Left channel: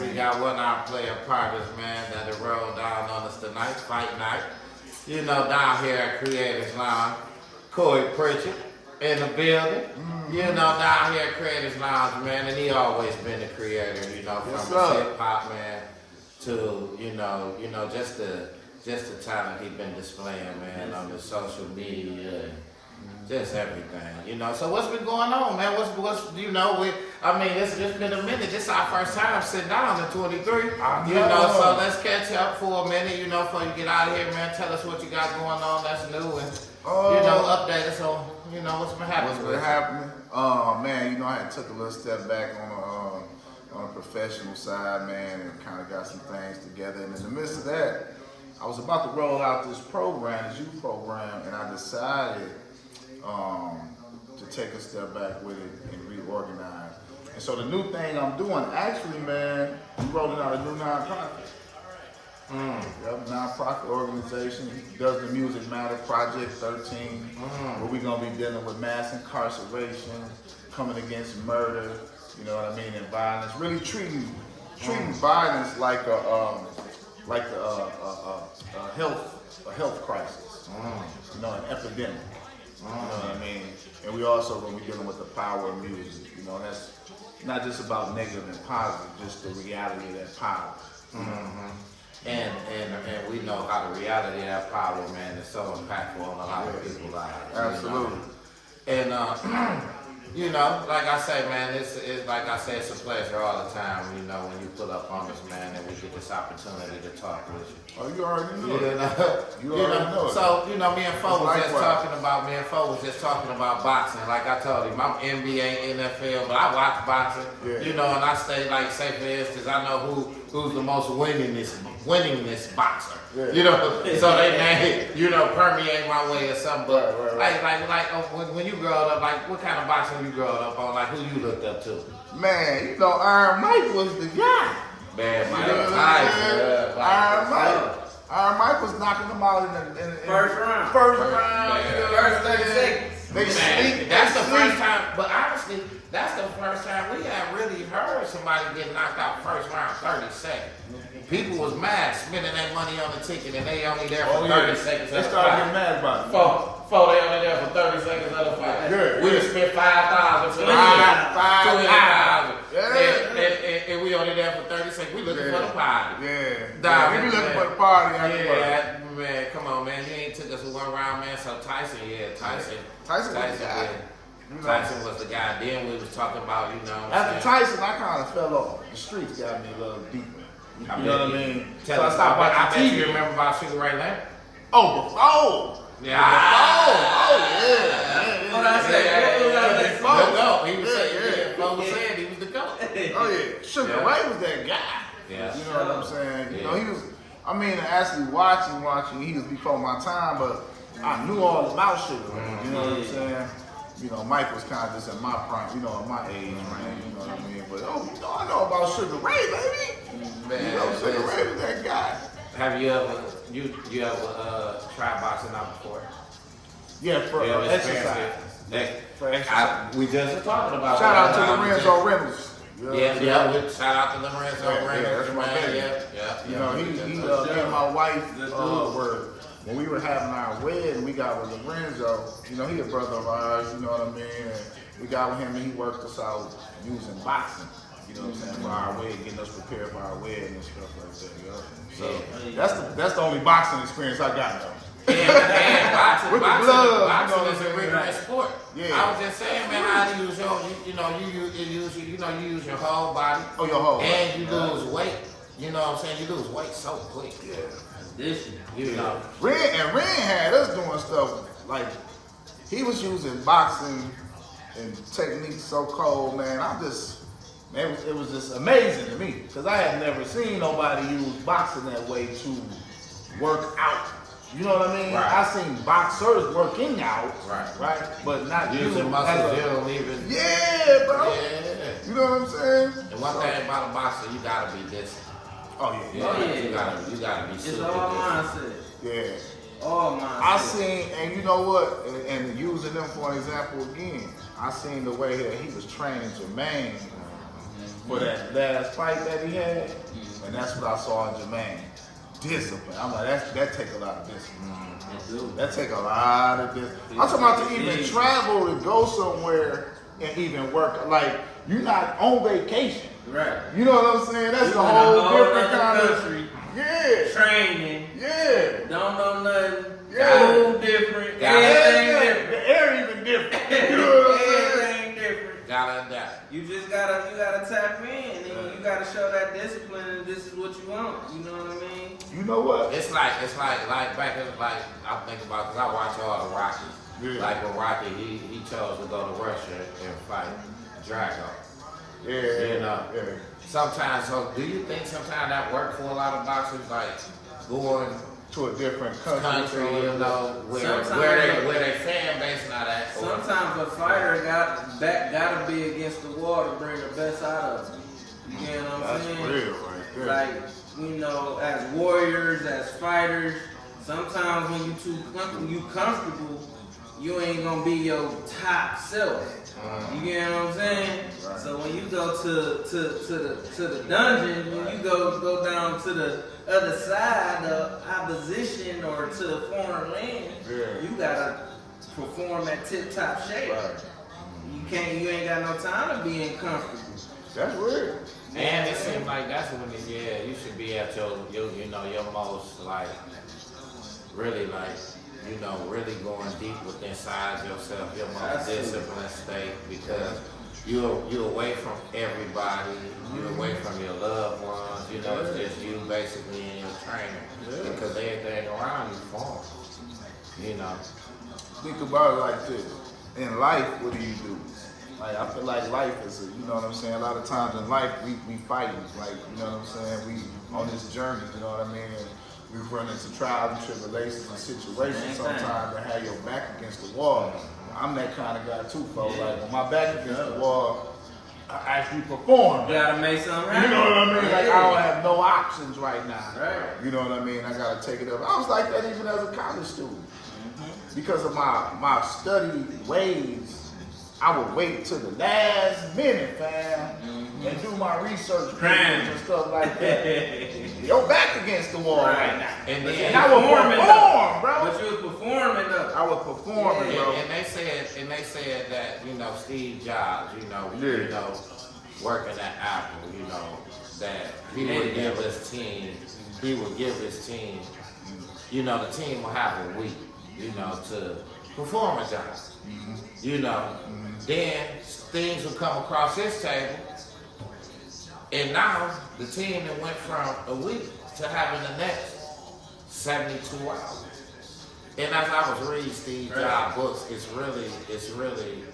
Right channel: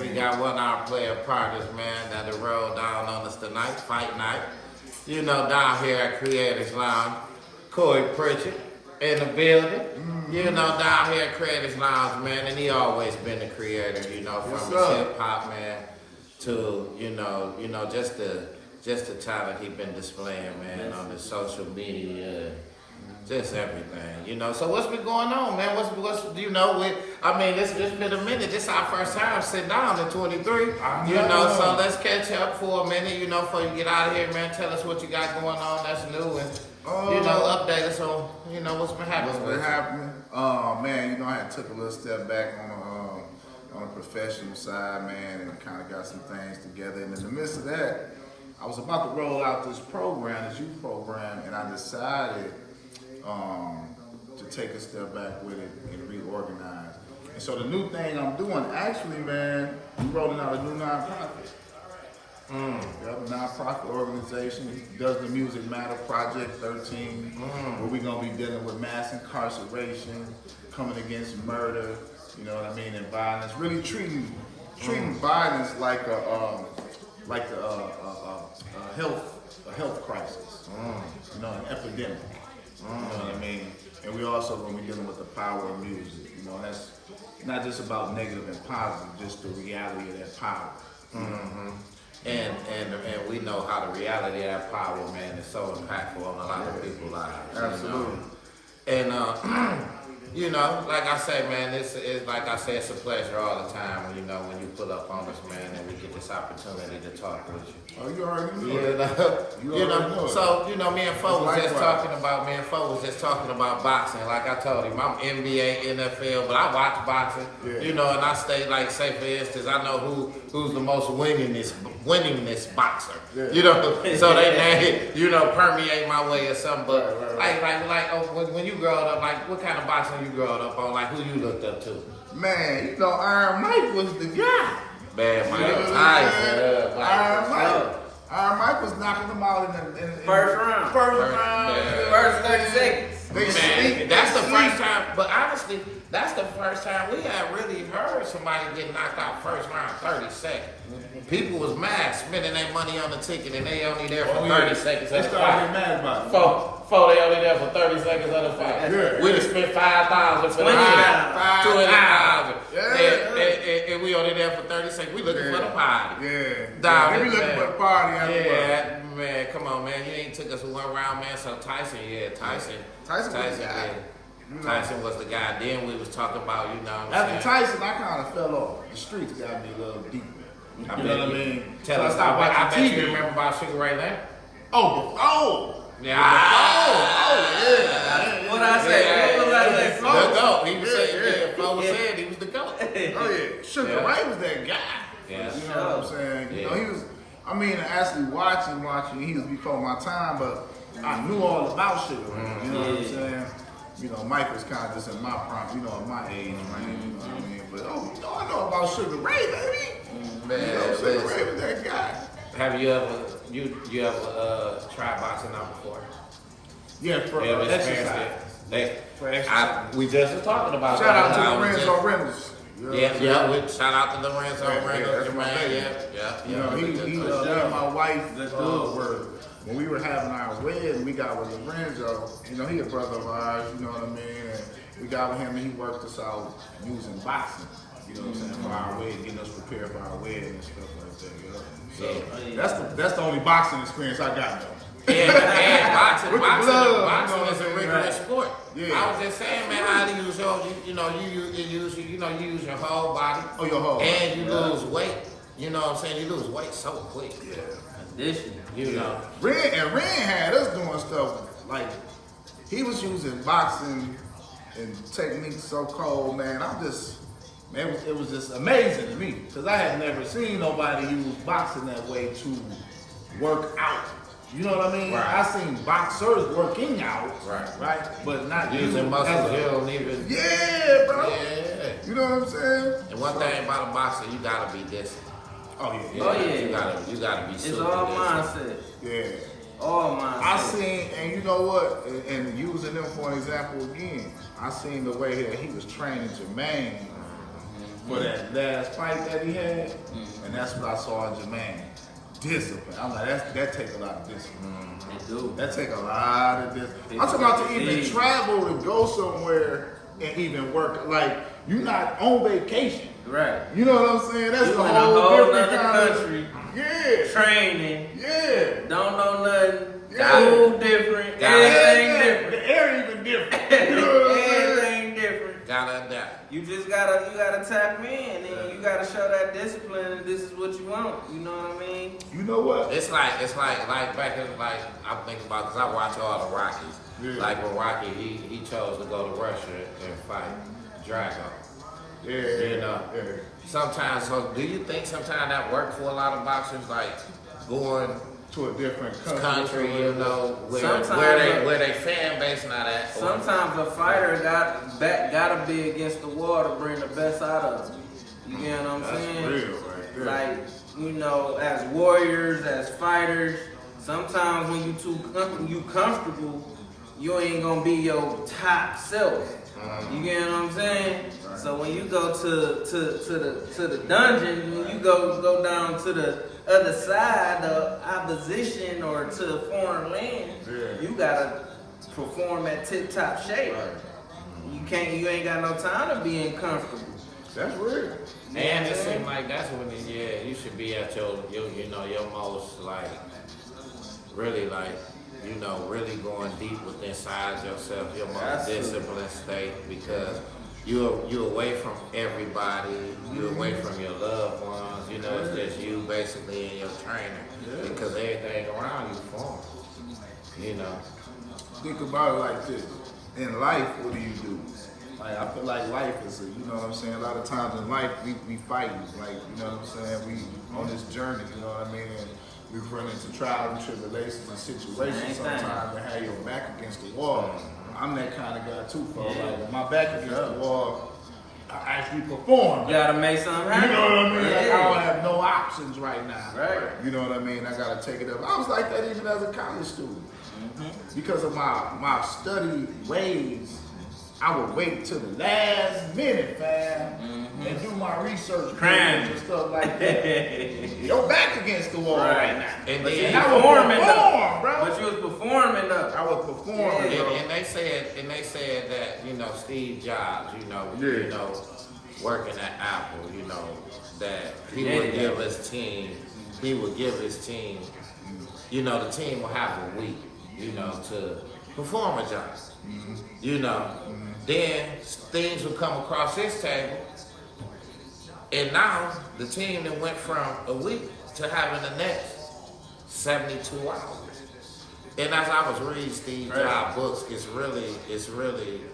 We got one of our player partners, man, that'll roll down on us tonight, fight night. You know, down here at Creators Lounge, Corey Pritchard in the building. You know, down here at Creators Lounge, man, and he always been the creator, you know, from his hip hop, man, to, you know, just the talent he been displaying, man, on the social media and just everything, you know. So what's been going on, man? What's you know, it's been a minute. This is our first time sitting down in 23, you know, so let's catch up for a minute, you know, before you get out of here, man. Tell us what you got going on that's new and, you know, update us on, you know, what's been happening. What's been happening? Man, you know, I had took a little step back on a professional side, man, and kind of got some things together. And in the midst of that, I was about to roll out this program, this youth program, and I decided to take a step back with it and reorganize. And so the new thing I'm doing, actually, man, I'm rolling out a new nonprofit. Yep, nonprofit organization. Does the Music Matter Project 13, where we're gonna be dealing with mass incarceration, coming against murder, you know what I mean, and violence. Really treating violence like a health crisis. You know, an epidemic. You know what I mean? And we also gonna be dealing with the power of music. You know, and that's not just about negative and positive, just the reality of that power. And we know how the reality of that power, man, is so impactful on a lot of people's lives. Absolutely. You know? And you know, like I say, man, it's like I say, it's a pleasure all the time. You know, when you pull up on us, man, and we get this opportunity to talk with you. Oh, you already know. You know. So you know, me and Fo was just talking about boxing. Like I told him, I'm NBA, NFL, but I watch boxing. Yeah. You know, and I stay like, say for instance, I know who's the most winningest boxer. Yeah. You know, so they you know, permeate my way or something. But like when you growing up, like what kind of boxing you growing up on? Like who you looked up to? Man, you know, Iron Mike was the guy. Man, Mike Tyson. Iron Mike was knocking them out in the first round. First 30 seconds. Man, that's the first time. But honestly, that's the first time we had really heard somebody get knocked out first round 30 seconds. People was mad spending their money on the ticket and they only there for 30 seconds of the fight. They started getting mad about it. Before they only there for 30 seconds of the fight. Yeah. We just spent $5,000 for the ticket. $20,000. And we only there for 30 seconds. We looking for the party. We looking for the party after man, come on, man. You ain't took us one round, man. So Tyson, Tyson was the guy. Then we was talking about, you know. After Tyson, I kind of fell off. The streets got me a little deeper. You know what I mean? Tell us, I bet you remember about Sugar Ray Leonard. Oh, yeah. What I say? The GOAT. He was saying, Flo was saying he was the GOAT. Oh yeah, Sugar Ray was that guy. Yeah. You know what I'm saying? You know, he was. I mean, actually watching. He was before my time, but I knew all about Sugar Ray. You know what I'm saying? You know, Mike was kind of just in my prime, you know, in my age range, you know what I mean? But, I know about Sugar Ray, baby. Man, you know, Sugar Ray was that guy. Have you ever tried boxing out before? Yeah, for exercise. For exercise. We just were talking about Shout that. out to Lorenzo Reynolds. Shout out to Lorenzo Reynolds, man. You know, he and my wife when we were having our wedding, we got with Lorenzo. You know, he a brother of ours, you know what I mean? And we got with him and he worked us out using boxing, you know what I'm saying, for our wedding, getting us prepared for our wedding and stuff like that. So that's the only boxing experience I got though. And boxing is a rigorous sport. Yeah. I was just saying, man, how to use you use your whole body. Oh, your whole body. And you lose weight. You know what I'm saying? You lose weight so quick. Yeah. You know. Ren had us doing stuff like he was using boxing and techniques so cold, man. It was just amazing to me because I had never seen nobody use boxing that way to work out. You know what I mean? Right. I seen boxers working out, right? But not using muscles you don't even. Yeah, bro. Yeah. You know what I'm saying? And one thing about a boxer, you gotta be disciplined. Oh yeah. You gotta be super disciplined. It's all mindset. Yeah. All mindset. I seen, and you know what? And using them for an example again, I seen the way that he was training Jermaine for that last fight that he had, and that's what I saw in Jermaine. Discipline. I'm like, that take a lot of discipline. That take a lot of discipline. I'm talking about to even travel and go somewhere and even work. Like, you're not on vacation. Right. You know what I'm saying? That's You a in whole different other kind country, of. Yeah. training. Yeah. Don't know nothing. Yeah. Food different. Got it. Everything Yeah. different. The air even different. You know what I'm saying? Everything different. Gotta adapt. You just gotta tap in and you gotta show that discipline and this is what you want. You know what I mean? You know what? It's like back in like I'm thinking about because I watch all the Rockies. Yeah. Like when Rocky he chose to go to Russia and fight Drago. Yeah. You know. Yeah. Sometimes, so do you think sometimes that worked for a lot of boxers, like going To a different country, you know, where Sometimes, where they fan base not at? Or, Sometimes a fighter gotta be against the wall to bring the best out of him. You get what I'm That's saying? real right there. Like, you know, as warriors, as fighters, sometimes when you comfortable, you ain't gonna be your top self. You get what I'm saying? Right. So when you go to the dungeon, when you go down to the other side of opposition or to a foreign land, Yeah. you gotta perform at tip top shape. Right. You ain't got no time to be uncomfortable. That's real. and it seems like that's when you should be at your your most like really like really going deep within inside yourself, your most Absolutely. disciplined state because you're away from everybody, you're away from your loved ones, it's just you basically and your trainer because everything around you forms. Think about it like this. In life, what do you do? Like, I feel like life is you know what I'm saying? A lot of times in life, we fighting. Like, you know what I'm saying? We on this journey, you know what I mean? And we run into trials and tribulations and situations sometimes that have your back against the wall. I'm that kind of guy too, folks. Like, when my back against the wall, I actually perform. You gotta make something You happen. know what I mean? Like, I don't Yeah. have no options right now. Right. You know what I mean? I gotta take it up. I was like that even as a college student. Because of my study ways, I would wait till the last minute, fam, and do my research Cram. and stuff like that. Your back against the wall right now. And But then you I would performing perform, though. bro. But you was performing though. I would perform, Yeah. bro. And they said that Steve Jobs, Yeah. working at Apple, that he would give his team, the team will have a week, to perform a job. Then things will come across his table, and now the team that went from a week to having the next 72 hours. And as I was reading Steve Jobs' books, it's really,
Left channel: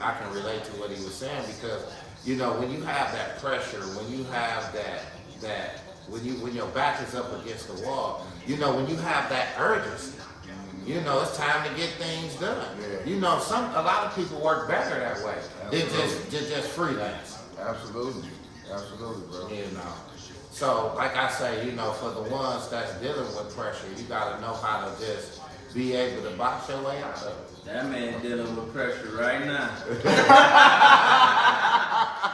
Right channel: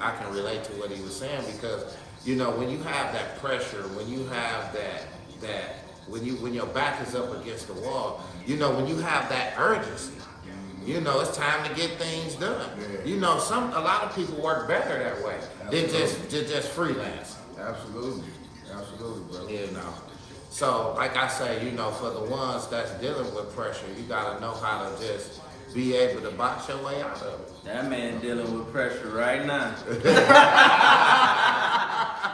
I can relate to what he was saying because, when you have that pressure, when you have when your back is up against the wall, when you have that urgency, it's time to get things done. A lot of people work better that way than just freelance. Absolutely, bro. So like I say, for the ones that's dealing with pressure, you gotta know how to just be able to box your way out of it. That man dealing with pressure right now.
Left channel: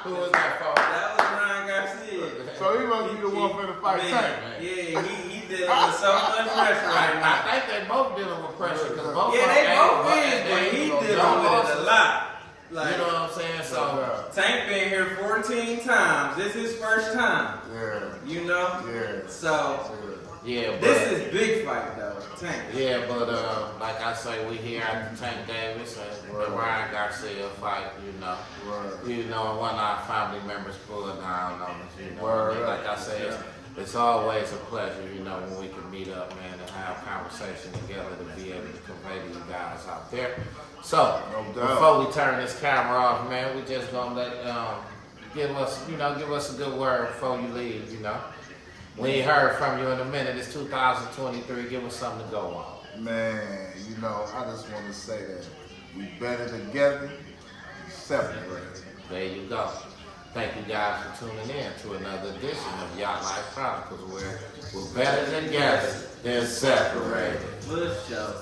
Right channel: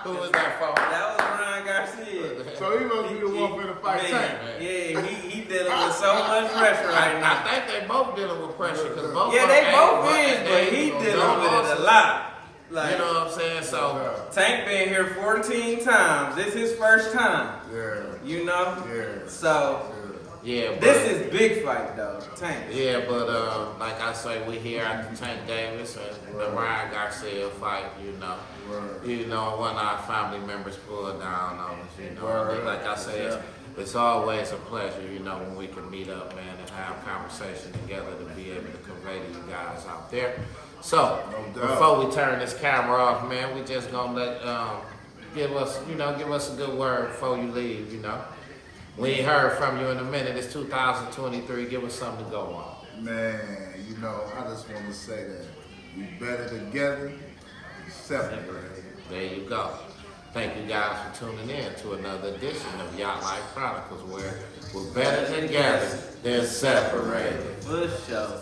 Who was that for? That was Ryan Garcia. So he must be the one for the fight tank. Yeah, he dealing with so much pressure right now. I think they both dealing with pressure because both Yeah, of they them both ain't- is, but he ain't dealing no with it a losses. lot. Like, You know what I'm saying? So Tank been here 14 times. This his first time. Yeah. Yeah. So yeah, but this is big fight though, Tank. yeah, but like I say, we here at the Tank Davis and the Ryan Garcia fight. Right. One of our family members pulled down on us. Right. And like I say, it's always a pleasure. When we can meet up, man, and have conversation together to be able to convey to you guys out there. So No doubt. before we turn this camera off, man, we just gonna let give us a good word before you leave. We ain't heard from you in a minute. It's 2023. Give us something to go on. Man, I just want to say that we better together, separated. There you go. Thank you guys for tuning in to another edition of YatlifeChronicles, where we're better together than separated. For sure.